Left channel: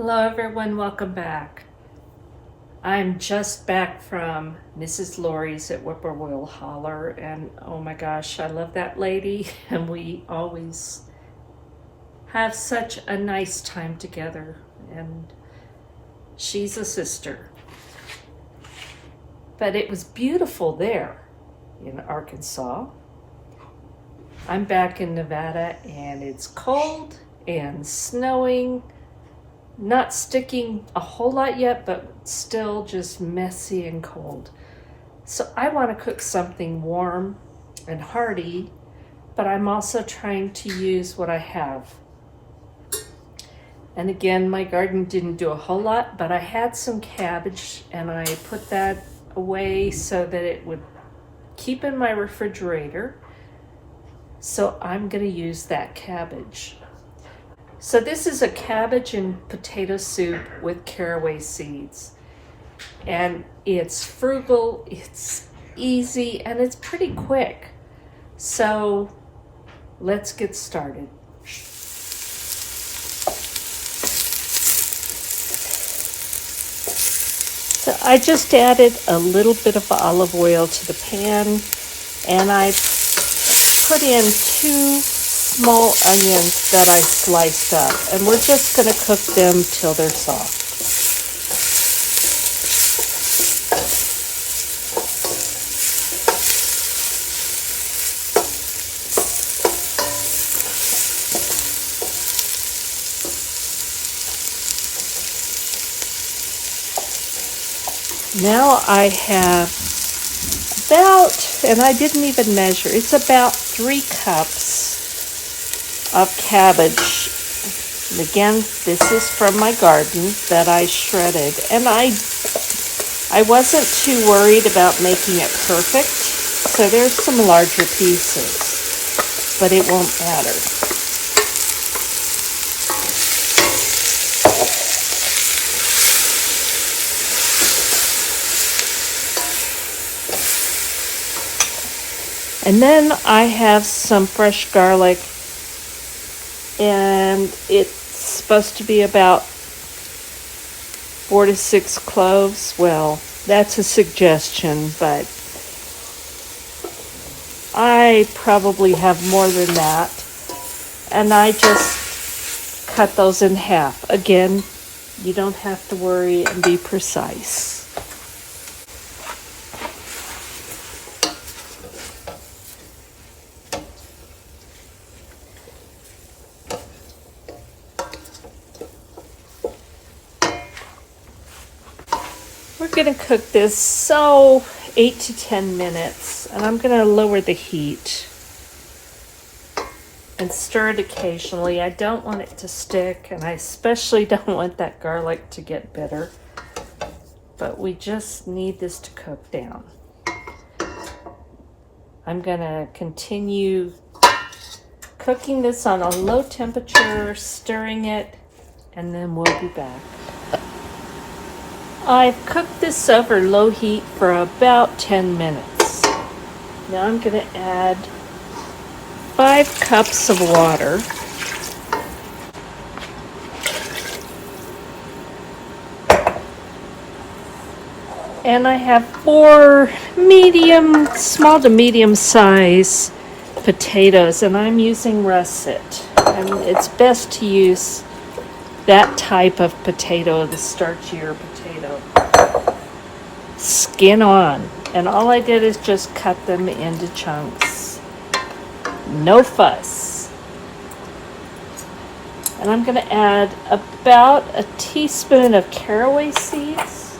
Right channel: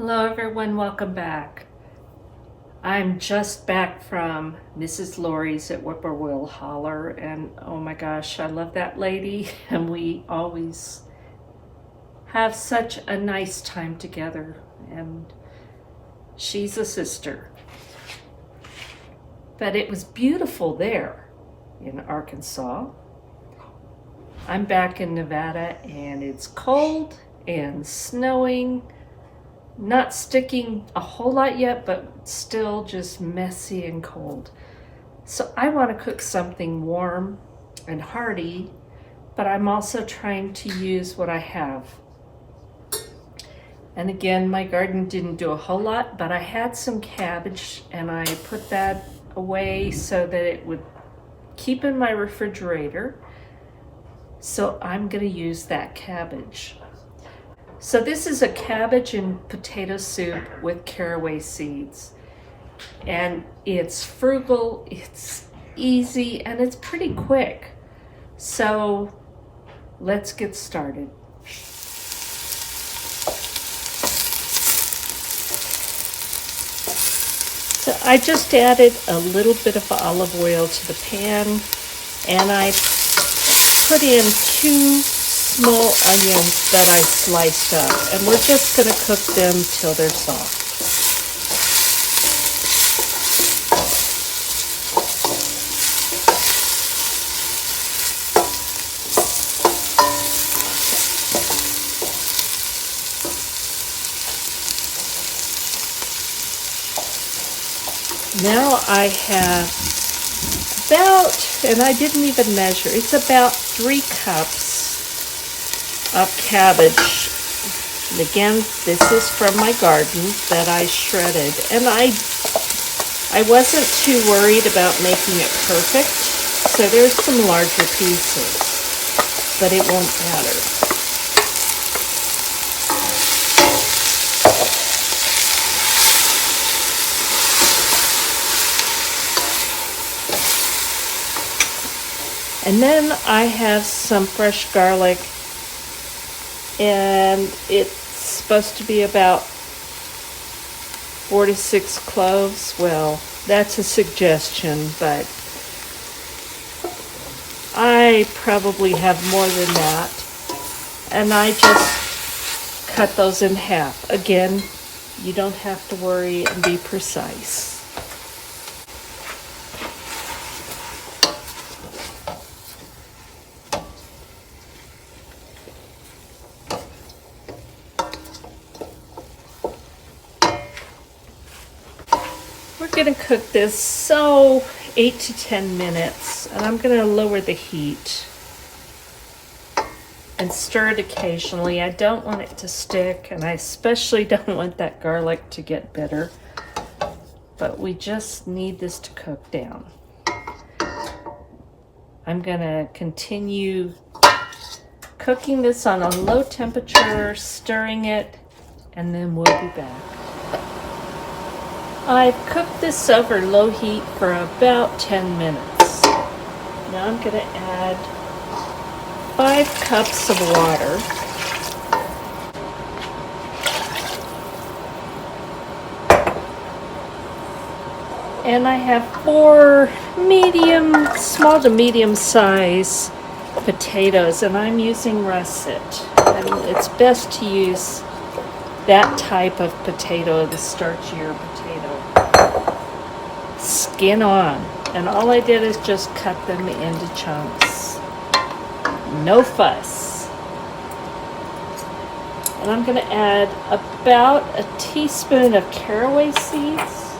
Hello everyone, welcome back. I'm just back from Mrs. Lori's at Whippoorwill Holler, and oh my gosh, I love that lady, and we always have such a nice time together, and she's a sister. But it was beautiful there in Arkansas. I'm back in Nevada and it's cold and snowing. Not sticking a whole lot yet, but still just messy and cold. So I want to cook something warm and hearty, but I'm also trying to use what I have. And again, my garden didn't do a whole lot, but I had some cabbage and I put that away so that it would keep in my refrigerator. So I'm going to use that cabbage. So this is a cabbage and potato soup with caraway seeds. And it's frugal, it's easy, and it's pretty quick. So let's get started. So I just added a little bit of olive oil to the pan, and I put in 2 small onions that I sliced up, and we're just going to cook them till they're soft. Now I have about, and I didn't even measure, it's about 3 cups of cabbage. And again, this is from my garden that I shredded, and I wasn't too worried about making it perfect, so there's some larger pieces, but it won't matter. And then I have some fresh garlic, and it's supposed to be about 4 to 6 cloves. Well, that's a suggestion, but I probably have more than that. And I just cut those in half. Again, you don't have to worry and be precise. We're going to cook this 8 to 10 minutes, and I'm going to lower the heat and stir it occasionally. I don't want it to stick, and I especially don't want that garlic to get bitter, but we just need this to cook down. I'm going to continue cooking this on a low temperature, stirring it, and then we'll be back. I've cooked this over low heat for about 10 minutes. Now I'm going to add 5 cups of water. And I have 4 small to medium size potatoes, and I'm using russet. And it's best to use that type of potato, the starchier potato. Skin on, and all I did is just cut them into chunks. No fuss. And I'm going to add about a teaspoon of caraway seeds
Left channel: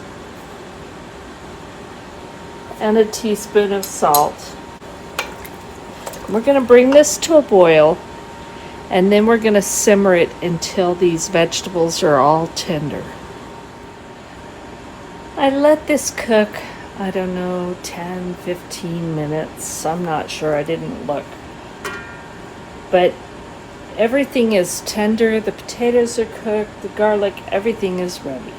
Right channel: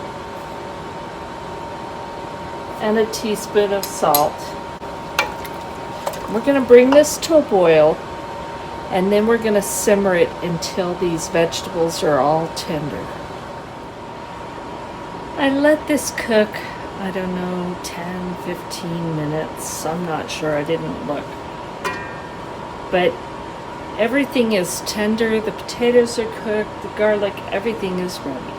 and a teaspoon of salt. We're going to bring this to a boil, and then we're going to simmer it until these vegetables are all tender. I let this cook, I don't know, 10, 15 minutes. I'm not sure, I didn't look. But everything is tender, the potatoes are cooked, the garlic, everything is ready.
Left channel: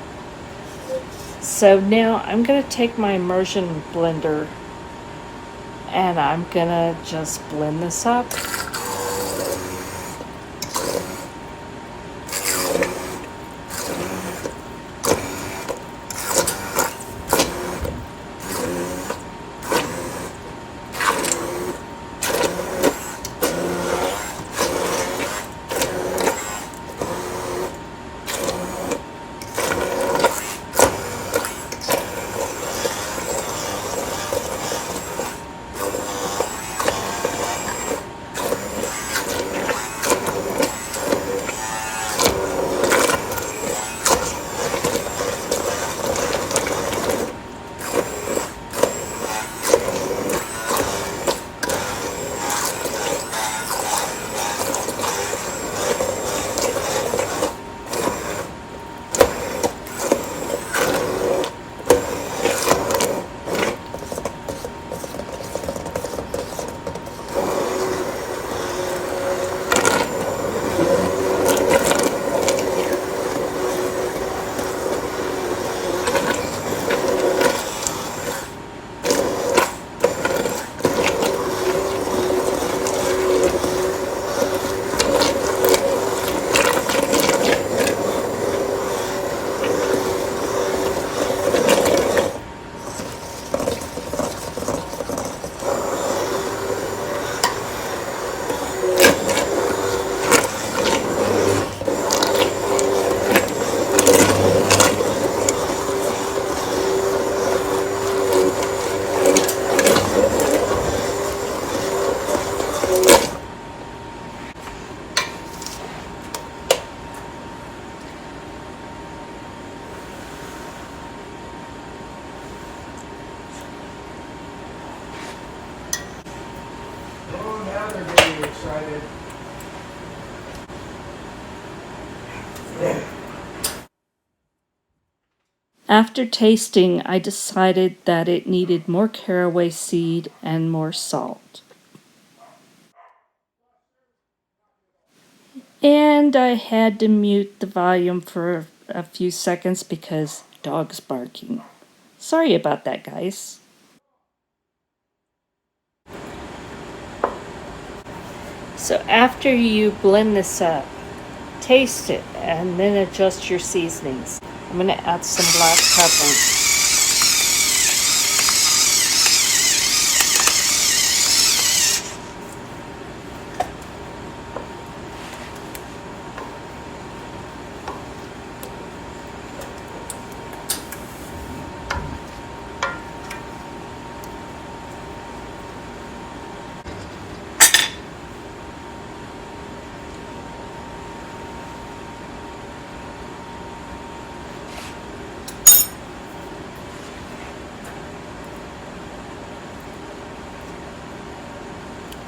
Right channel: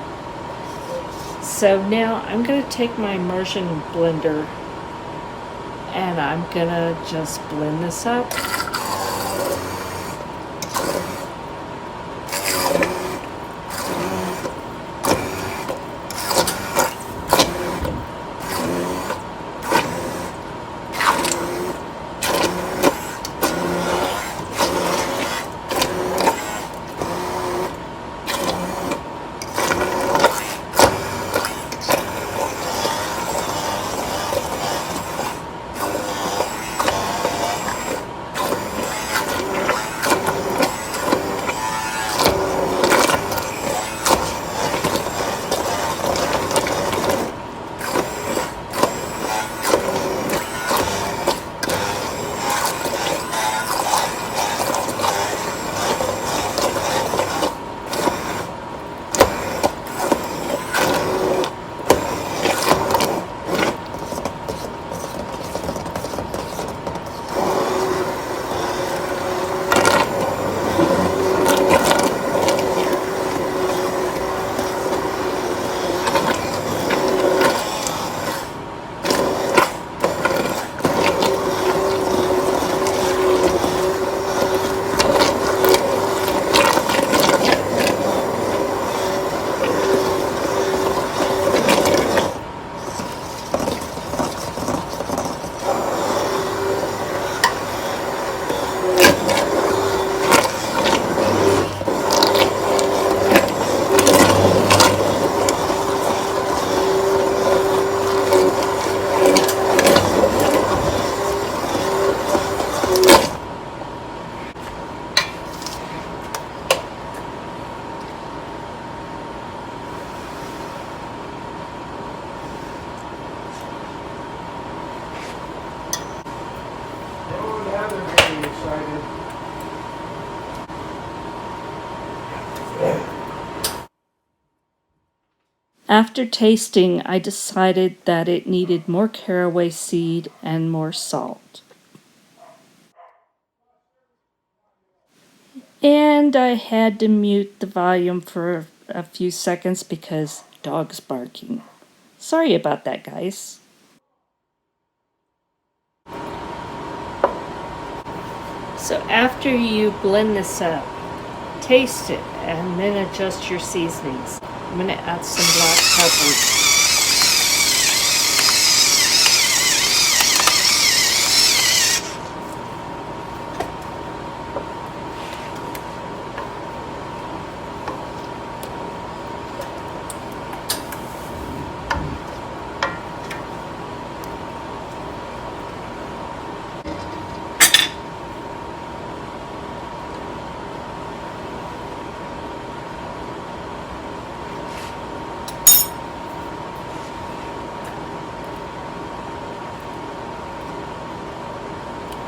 So now I'm going to take my immersion blender and I'm going to just blend this up. After tasting, I decided that it needed more caraway seed and more salt. And I had to mute the volume for a few seconds because dogs barking. Sorry about that, guys. So after you blend this up, taste it and then adjust your seasonings. I'm going to add some black pepper.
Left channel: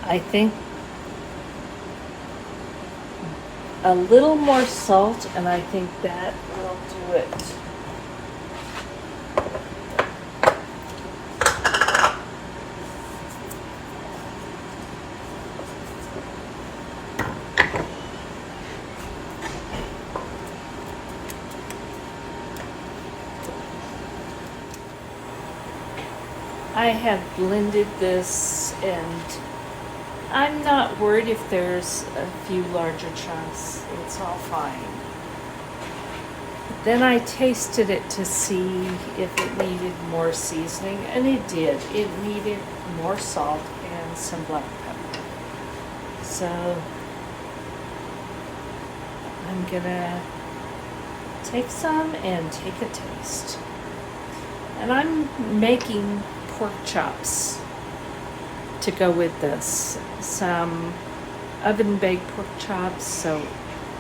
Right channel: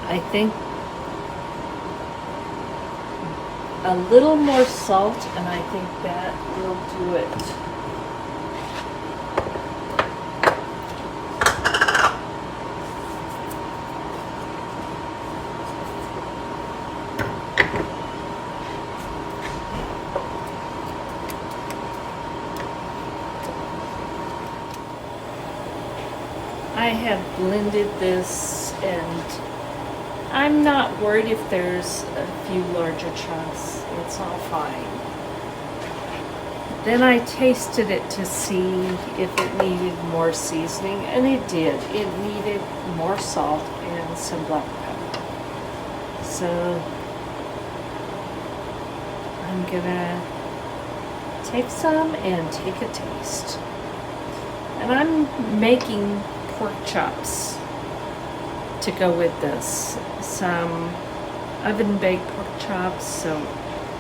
I think a little more salt, and I think that will do it. I have blended this, and I'm not worried if there's a few larger chunks. It's all fine. Then I tasted it to see if it needed more seasoning, and it did. It needed more salt and some black pepper. So I'm gonna take some and take a taste. And I'm making pork chops to go with this. Some oven baked pork chops, so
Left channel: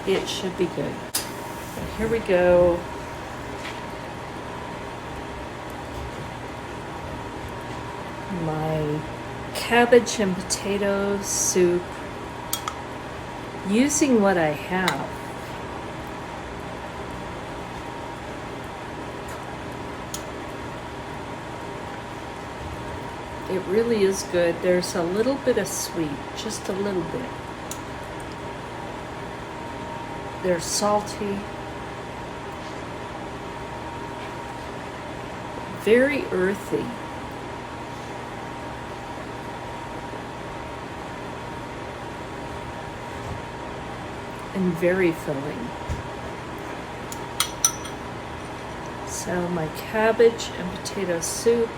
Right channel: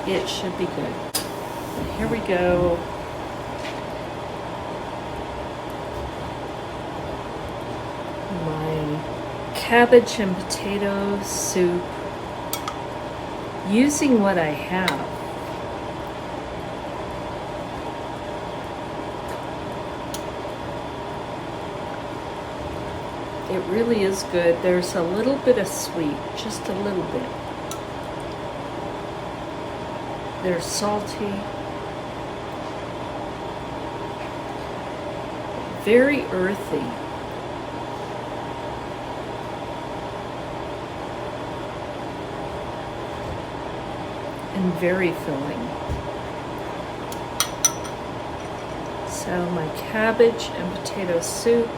it should be good. So here we go. My cabbage and potato soup, using what I have. It really is good. There's a little bit of sweet, just a little bit. They're salty, very earthy. And very filling. So my cabbage and potato soup.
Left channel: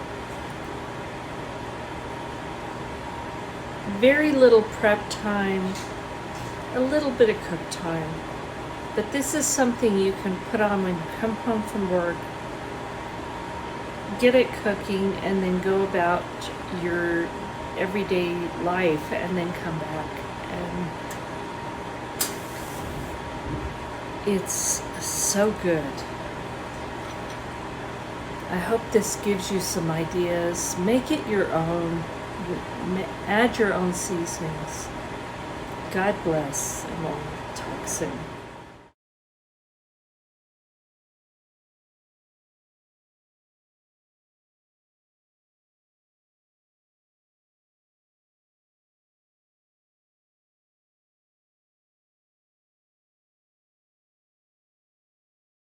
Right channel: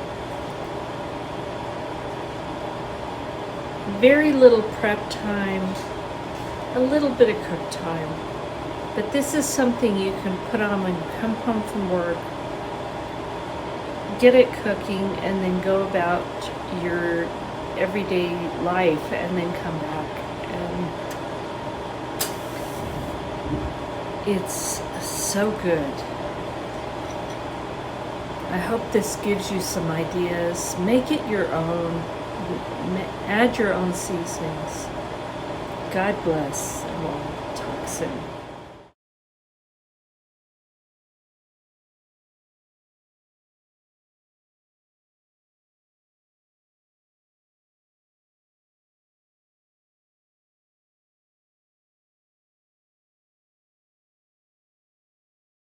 Very little prep time, a little bit of cook time. But this is something you can put on when you come home from work, get it cooking, and then go about your everyday life and then come back. And it's so good. I hope this gives you some ideas. Make it your own. Add your own seasonings. God bless, and we'll talk soon.